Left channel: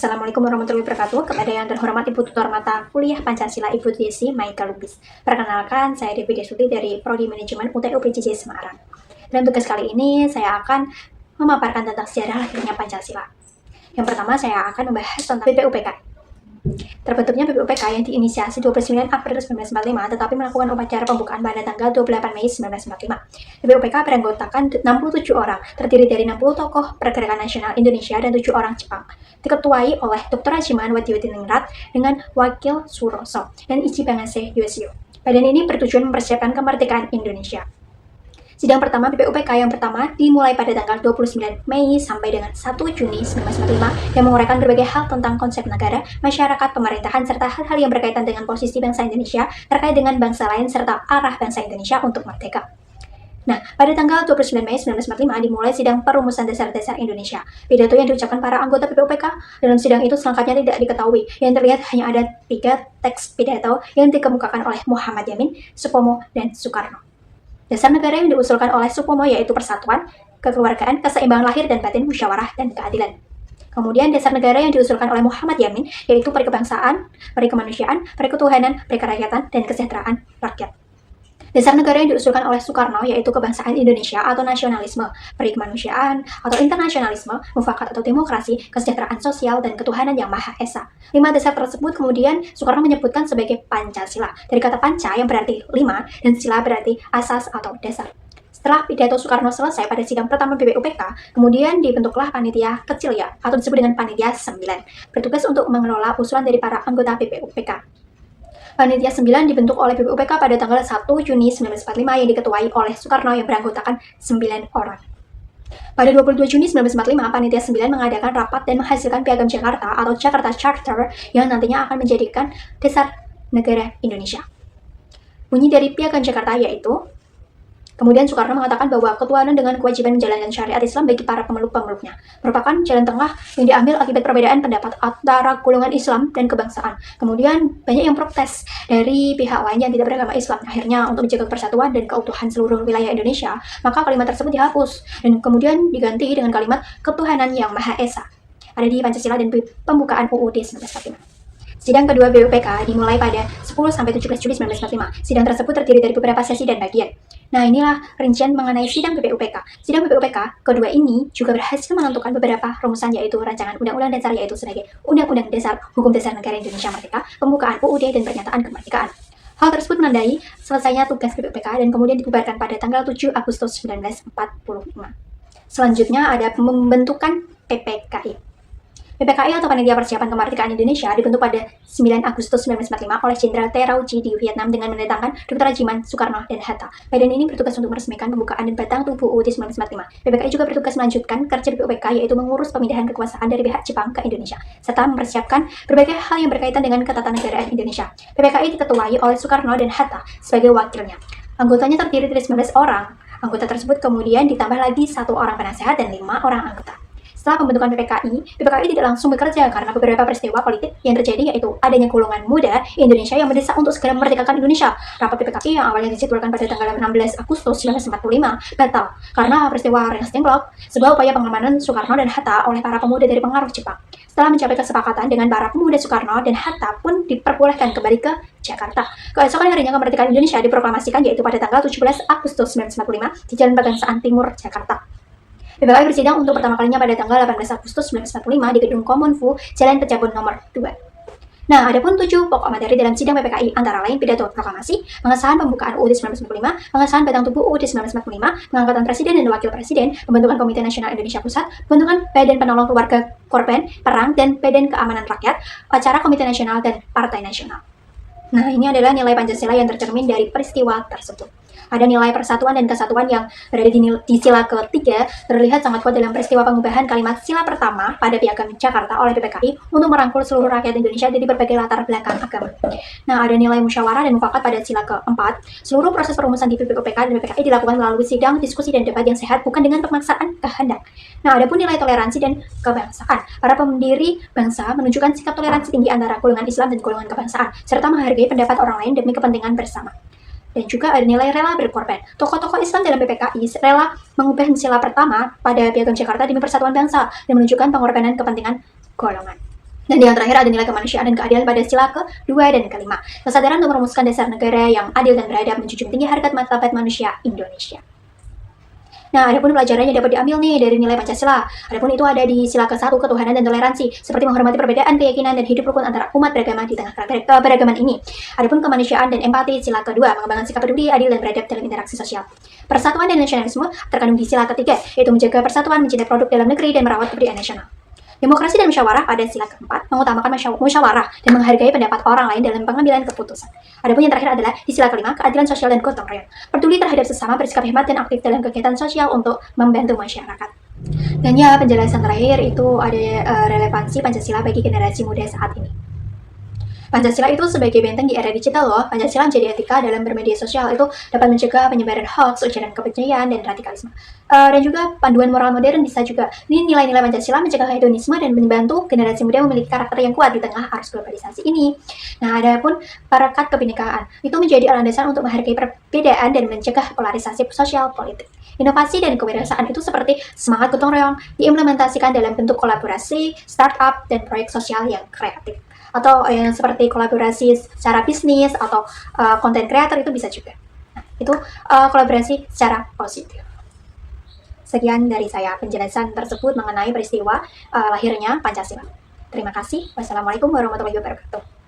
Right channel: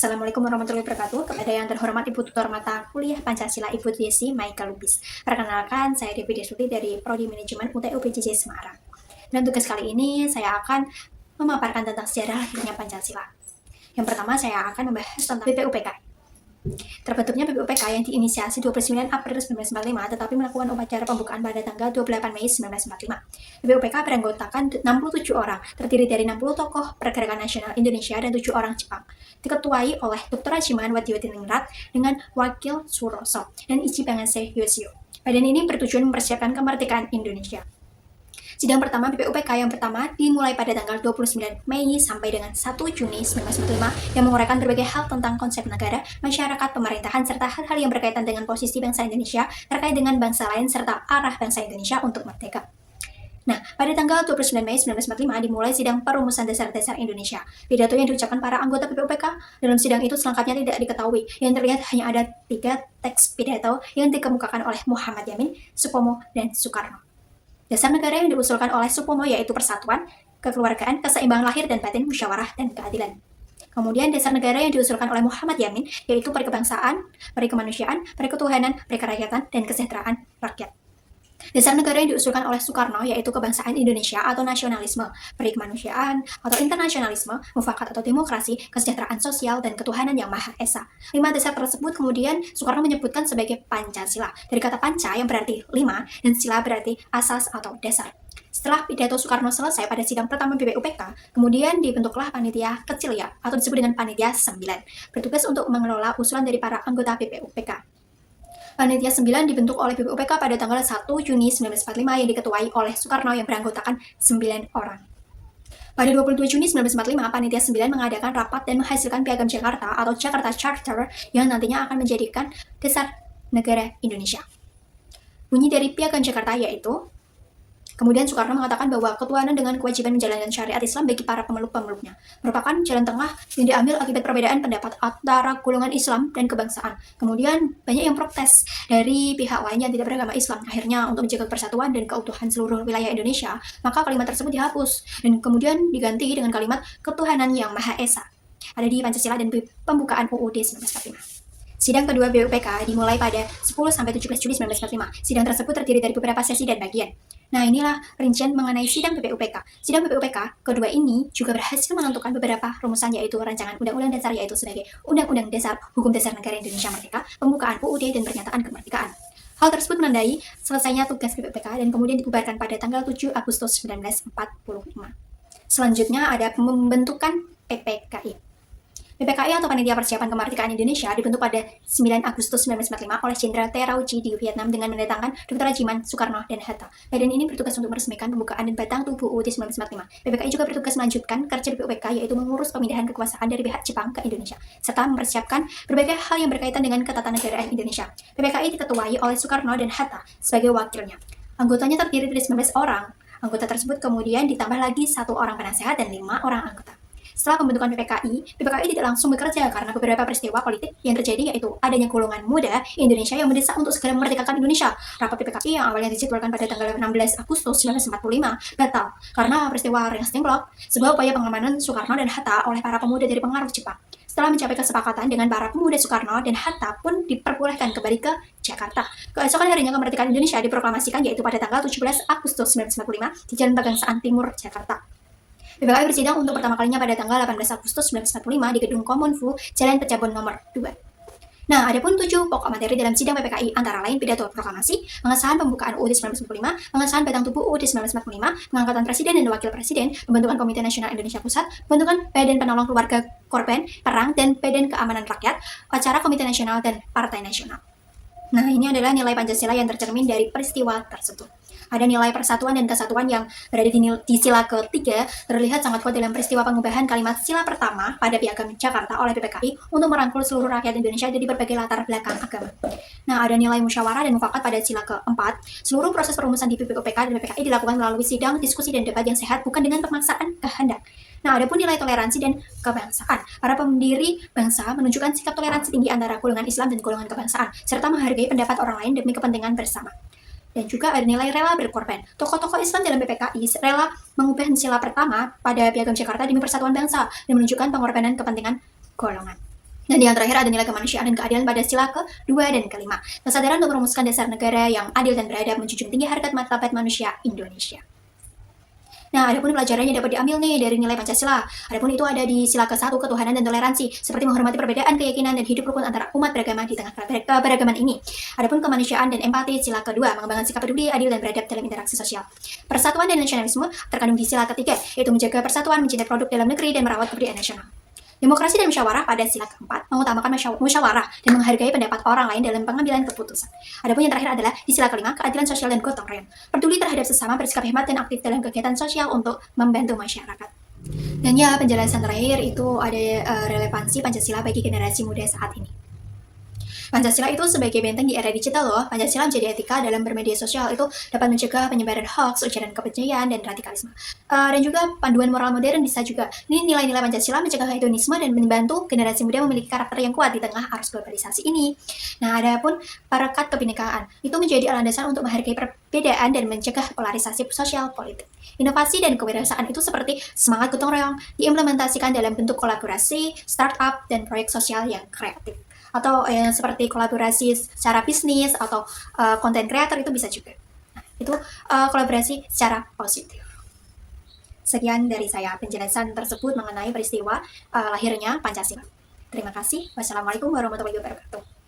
Assalamualaikum warahmatullahi wabarakatuh. Kepada yang terhormat Ibu Tutor Mata Kuliah Pancasila Ibu Desi Maika Lubis. Perkenalkan, saya Devi Desuti dari Prodi Manajemen UTU PJJ Semarang. Dan tugas kali ini saya akan memaparkan tentang sejarah lahirnya Pancasila. Yang pertama saya akan membahas tentang BPUPK. Terbentuknya BPUPK yang diinisiasi 29 April 1945 tetapi melakukan upacara pembukaan pada tanggal 28 Mei 1945. BPUPK beranggotakan 67 orang, terdiri dari 60 tokoh pergerakan nasional Indonesia dan 7 orang Jepang. Diketuai oleh Dr. Rajiman Wadiyodiningrat dengan Wakil Suroso dan Ichi Bangase Yoshio. Badan ini bertujuan mempersiapkan kemerdekaan Indonesia. Sidang pertama BPUPK yang pertama dimulai pada tanggal 29 Mei sampai dengan 1 Juni 1945 yang menguraikan berbagai hal tentang konsep negara, masyarakat, pemerintahan, serta hal-hal yang berkaitan dengan posisi bangsa Indonesia terkait dengan bangsa lain serta arah bangsa Indonesia untuk merdeka. Nah, pada tanggal 29 Mei 1945 dimulai sidang perumusan dasar-dasar Indonesia. Pidato yang diucapkan para anggota BPUPK dalam sidang itu selengkapnya tidak diketahui. Yang terlihat hanya ada 3 teks pidato yang dikemukakan oleh Muhammad Yamin, Supomo, dan Soekarno. Dasar negara yang diusulkan oleh Supomo yaitu persatuan, kekeluargaan, keseimbangan lahir dan batin, musyawarah, dan keadilan. Kemudian dasar negara yang diusulkan oleh Muhammad Yamin yaitu perikebangsaan, perikemanusiaan, periketuhanan, perikerakyatan, dan kesejahteraan rakyat. Dasar negara yang diusulkan oleh Soekarno yaitu kebangsaan Indonesia atau nasionalisme, perikemanusiaan atau internasionalisme, mufakat atau demokrasi, kesejahteraan sosial, dan ketuhanan yang Maha Esa. 5 dasar tersebut kemudian Soekarno menyebutkan sebagai Pancasila, dari kata panca yang berarti 5 dan sila berarti asas atau dasar. Setelah pidato Soekarno selesai pada sidang pertama BPUPK, kemudian dibentuklah panitia kecil ya, atau disebut dengan panitia 9, bertugas untuk mengelola usulan dari para anggota BPUPK. Panitia 9 dibentuk oleh BPUPK pada tanggal 1 Juni 1945 yang diketuai oleh Soekarno yang beranggotakan 9 orang. Pada 22 Juni 1945, Panitia 9 mengadakan rapat dan menghasilkan Piagam Jakarta atau Jakarta Charter yang nantinya akan menjadikan dasar negara Indonesia. Bunyi dari Piagam Jakarta yaitu, kemudian Soekarno mengatakan bahwa ketuhanan dengan kewajiban menjalankan syariat Islam bagi para pemeluk-pemeluknya merupakan jalan tengah yang diambil akibat perbedaan pendapat antara golongan Islam dan kebangsaan. Kemudian banyak yang protes dari pihak lain yang tidak beragama Islam. Akhirnya untuk menjaga persatuan dan keutuhan seluruh wilayah Indonesia, maka kalimat tersebut dihapus dan kemudian diganti dengan kalimat ketuhanan yang Maha Esa. Ada di Pancasila dan pembukaan UUD 1945. Sidang kedua BPUPK dimulai pada 10-17 Juli 1945. Sidang tersebut terdiri dari beberapa sesi dan bagian. Nah, inilah rincian mengenai sidang BPUPK. Sidang BPUPK kedua ini juga berhasil menentukan beberapa rumusan yaitu rancangan Undang-Undang Dasar yaitu sebagai Undang-Undang Dasar Hukum Dasar Negara Indonesia Merdeka, pembukaan UUD dan pernyataan kemerdekaan. Hal tersebut menandai selesainya tugas BPUPK dan kemudian dibubarkan pada tanggal 7 Agustus 1945. Selanjutnya ada pembentukan PPKI. PPKI atau Panitia Persiapan Kemerdekaan Indonesia dibentuk pada 9 Agustus 1945 oleh Jenderal T. Rao Ji di Vietnam dengan mendatangkan Dr. Rajiman, Soekarno, dan Hatta. Badan ini bertugas untuk meresmikan pembukaan dan batang tubuh UUD 1945. PPKI juga bertugas melanjutkan kerja BPUPK yaitu mengurus pemindahan kekuasaan dari pihak Jepang ke Indonesia, serta mempersiapkan berbagai hal yang berkaitan dengan ketatanegaraan Indonesia. PPKI diketuai oleh Soekarno dan Hatta sebagai wakilnya. Anggotanya terdiri dari 19 orang. Anggota tersebut kemudian ditambah lagi 1 orang penasehat dan 5 orang anggota. Setelah pembentukan PPKI tidak langsung bekerja karena beberapa peristiwa politik yang terjadi yaitu adanya golongan muda Indonesia yang mendesak untuk segera memerdekakan Indonesia. Rapat PPKI yang awalnya dijadwalkan pada tanggal 16 Agustus 1945 batal karena peristiwa Rengas Dengklok, sebuah upaya pengamanan Soekarno dan Hatta oleh para pemuda dari pengaruh Jepang. Setelah mencapai kesepakatan dengan para pemuda Soekarno dan Hatta pun diperbolehkan kembali ke Jakarta. Keesokan harinya kemerdekaan Indonesia diproklamasikan yaitu pada tanggal 17 Agustus 1945 di Jalan Pegangsaan Timur, Jakarta. PPKI bersidang untuk pertama kalinya pada tanggal 18 Agustus 1945 di Gedung Kominfo, Jalan Pejabon nomor 2. Nah, ada pun 7 pokok materi dalam sidang PPKI antara lain pidato proklamasi, pengesahan pembukaan UUD 1945, pengesahan batang tubuh UUD 1945, pengangkatan presiden dan wakil presiden, pembentukan Komite Nasional Indonesia Pusat, pembentukan Badan Penolong Keluarga Korban Perang dan Badan Keamanan Rakyat, acara Komite Nasional dan Partai Nasional. Nah, ini adalah nilai Pancasila yang tercermin dari peristiwa tersebut. Ada nilai persatuan dan kesatuan yang berada di sila ketiga terlihat sangat kuat dalam peristiwa pengubahan kalimat sila pertama pada Piagam Jakarta oleh PPKI untuk merangkul seluruh rakyat Indonesia dari berbagai latar belakang agama. Nah, ada nilai musyawarah dan mufakat pada sila keempat. Seluruh proses perumusan di BPUPK dan PPKI dilakukan melalui sidang, diskusi, dan debat yang sehat, bukan dengan pemaksaan kehendak. Nah, ada pun nilai toleransi dan kebangsaan. Para pendiri bangsa menunjukkan sikap toleransi tinggi antara golongan Islam dan golongan kebangsaan, serta menghargai pendapat orang lain demi kepentingan bersama. Dan juga ada nilai rela berkorban. Tokoh-tokoh Islam dalam PPKI rela mengubah sila pertama pada Piagam Jakarta demi persatuan bangsa dan menunjukkan pengorbanan kepentingan golongan. Dan yang terakhir ada nilai kemanusiaan dan keadilan pada sila ke-2 dan ke-5. Kesadaran untuk merumuskan dasar negara yang adil dan beradab, menjunjung tinggi harkat martabat manusia Indonesia. Nah, adapun pelajarannya dapat diambil nih dari nilai Pancasila. Adapun itu ada di sila ke-1, ketuhanan dan toleransi, seperti menghormati perbedaan keyakinan dan hidup rukun antara umat beragama di tengah keberagaman ini. Adapun kemanusiaan dan empati, sila kedua, mengembangkan sikap peduli, adil dan beradab dalam interaksi sosial. Persatuan dan nasionalisme terkandung di sila ketiga, yaitu menjaga persatuan, mencintai produk dalam negeri, dan merawat kebudayaan nasional. Demokrasi dan musyawarah pada sila keempat, mengutamakan musyawarah dan menghargai pendapat orang lain dalam pengambilan keputusan. Adapun yang terakhir adalah di sila kelima, keadilan sosial dan gotong royong. Peduli terhadap sesama, bersikap hemat dan aktif dalam kegiatan sosial untuk membantu masyarakat. Dan ya, penjelasan terakhir itu ada relevansi Pancasila bagi generasi muda saat ini. Pancasila itu sebagai benteng di era digital loh. Pancasila menjadi etika dalam bermedia sosial, itu dapat mencegah penyebaran hoax, ujaran kebencian, dan radikalisme. Dan juga panduan moral modern bisa juga. Ini nilai-nilai Pancasila mencegah hedonisme dan membantu generasi muda memiliki karakter yang kuat di tengah arus globalisasi ini. Nah, adapun perekat kebinekaan itu menjadi landasan untuk menghargai perbedaan dan mencegah polarisasi sosial politik. Inovasi dan kewirausahaan itu seperti semangat gotong royong diimplementasikan dalam bentuk kolaborasi, startup, dan proyek sosial yang kreatif. Atau yang seperti kolaborasi secara bisnis atau konten kreator itu bisa juga. Nah, itu kolaborasi secara positif. Sekian dari saya penjelasan tersebut mengenai peristiwa lahirnya Pancasila. Terima kasih. Wassalamualaikum warahmatullahi wabarakatuh.